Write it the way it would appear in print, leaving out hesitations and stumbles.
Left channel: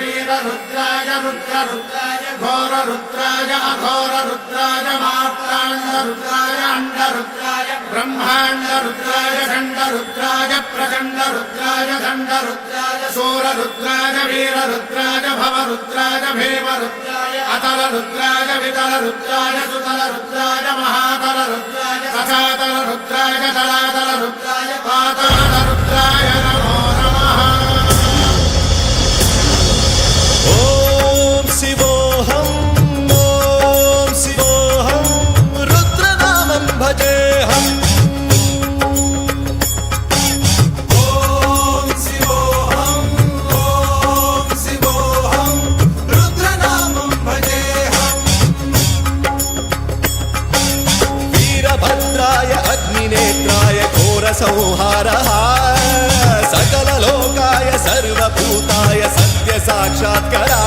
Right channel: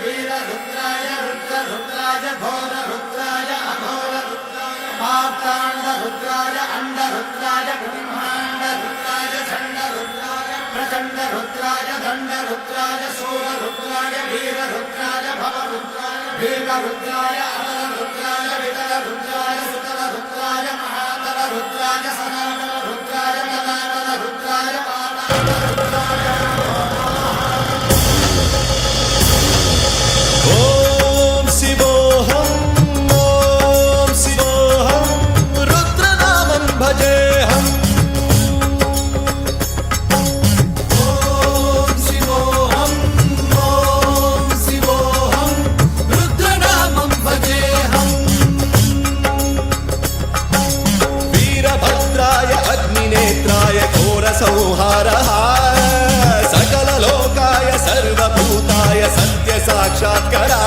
वीररुद्राय रुद्ररुद्राय घोररुद्राय अघोररुद्राय मात्राण्डरुद्राय अण्डरुद्राय ब्रह्माण्डरुद्राय खण्डरुद्राय प्रचण्डरुद्राय दण्डरुद्राय सूररुद्राय वीररुद्राय भवरुद्राय भीमरुद्राय अतलरुद्राय वितलरुद्राय सुतलरुद्राय महातलरुद्राय सचातलरुद्राय जलातलरुद्राय पातालरुद्राय नमो नमः। ॐ शिवोऽहं रुद्रनामं भजेऽहम्। वीरभद्राय अग्निनेत्राय घोरसंहारः सकललोकाय सर्वभूताय सत्यसाक्षात्करा।